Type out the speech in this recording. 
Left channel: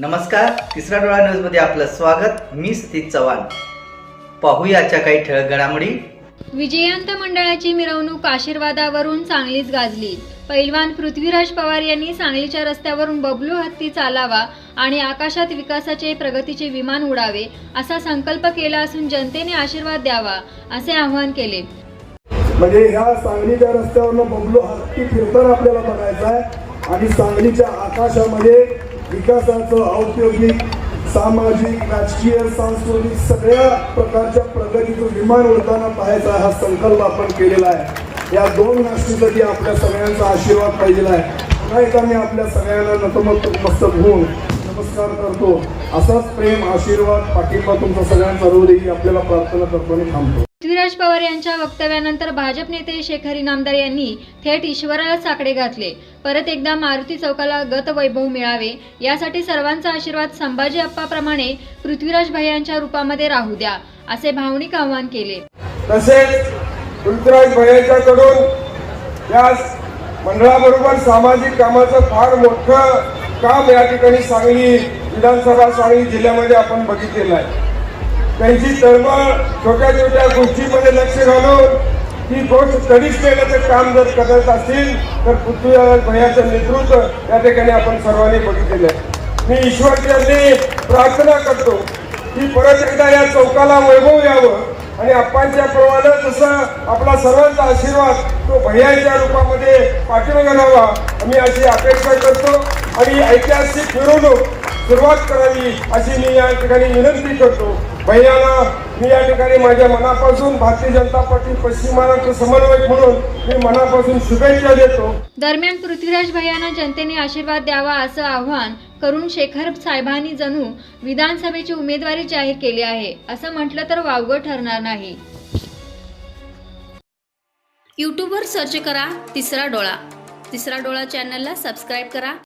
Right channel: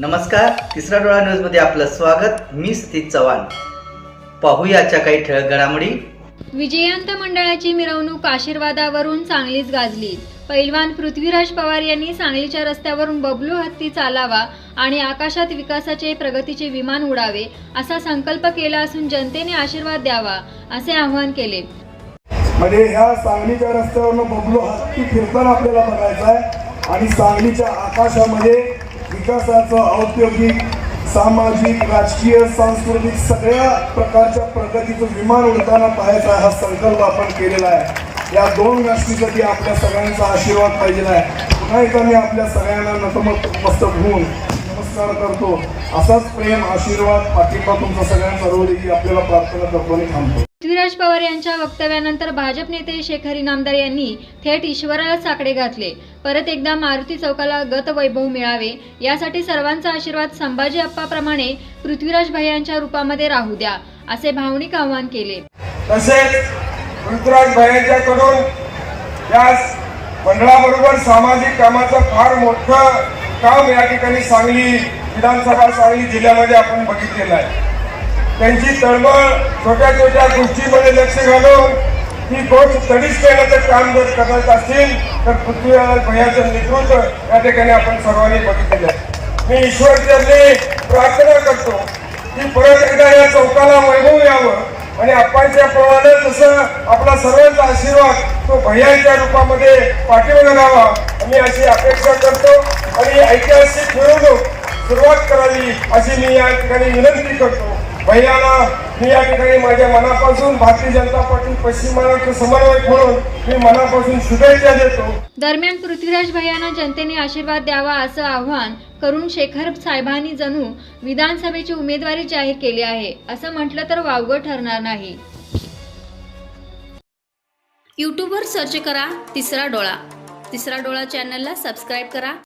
नमस्कार तिसरा डोळा न्यूजमध्ये आपलं स्वागत. मी सतीश चव्हाण. पाहूयाच्या काही ठळक घडामोडी. विजयंत मंडळाची मिरवणूक आशीर्वादावरून चांगलीच गाजली. पैलवान पृथ्वीराज पवार यांनी सांगलीच्या रस्त्यावरून बबलू हत्ती चालावा आणि आकाशात विकासाचे प्रगतीचे विमान उडावे असा संकल्प केला असून जनतेने आशीर्वाद द्यावा असे आवाहन केले. म्हणजे ह्या सांगलीच्या रस्त्यावरनं बबलू हत्ती फिरताना आपल्याला बघायचा आहे. आणि सांगलीच्या आकाशामध्ये विकासाचं औद्योगिक सामाजिक राजकीय सांस्कृतिक सगळ्या प्रकारच्या प्रगतीचं विमान उडताना पाहायचा हा संकल्प आपण केलेला आहे. या दोन गोष्टीसाठी आपल्या सगळ्यांचा आशीर्वाद पाहिजे आहे. पुन्हा एकदा मी आपल्या सगळ्यांना नतमस्तक मस्तक होऊन नमस्कार करतो. असाच प्रेम आशीर्वाद पाठिंबा तुमचा सगळ्यांचा रोड ही आपल्याला प्रार्थना करतो आणि थांबतो. पृथ्वीराज पवार यांच्या वक्तव्यानंतर भाजप नेते शेखर इनामदार यांनी थेट ईश्वराला साकडे घातले. परत एकदा मारुती चौकाला गतवैभव मिळावे यासाठी सर्वांचा आशीर्वाद संभाजी अप्पाप्रमाणे पृथ्वीराज भैयांच्या रूपामध्ये राहू द्या असे भावनिक आवाहन केले. तसेच ऋतुराज भैयाच्याकडून या मंडळाबरोबर सामाजिक कामाचं फार मोठं काम या ठिकाणी सांगली विधानसभा सांगली जिल्ह्यामध्ये आपण बघितलेलं आहे. त्यांची तळमळ छोट्या छोट्या गोष्टीमध्ये लक्ष घालून ती गोष्ट तडीच करण्याचं काम जर करत असतील तर पृथ्वीराज भयाचं नेतृत्व या ठिकाणी आपण सर्वांनी बघितलेलं आहे. मी ईश्वरचरणी प्रार्थना करतो की परत एकदा या चौकाला वैभव यावं. आणि अप्पांच्या प्रमाणे जसं आपला सर्वांचा आशीर्वाद तो भैयांच्या रूपामध्ये पाठीमागे घालावा मी अशी अपेक्षा करतो. आणि ऐतिहासिक मिरवणूक सुरुवात करावी अशी मी या ठिकाणी विनंती करतो. मी या ठिकाणी माझ्या मनापासून भारतीय जनता पार्टी पश्चिम महाराष्ट्र समन्वयक म्हणून मी मनापासून शुभेच्छा देतो. दरम्यान पृथ्वीराज भैयांना जनतेने आशीर्वाद द्यावा असं आव्हान करून शेखर साहेबांनी जणू विधानसभेची उमेदवारी जाहीर केली आहे. असं म्हटलं तर वावगं ठरणार नाही. यूट्यूबवर सर्च करा तिसरा डोळा. तिसरा डोळा चॅनलला सबस्क्राईब करा.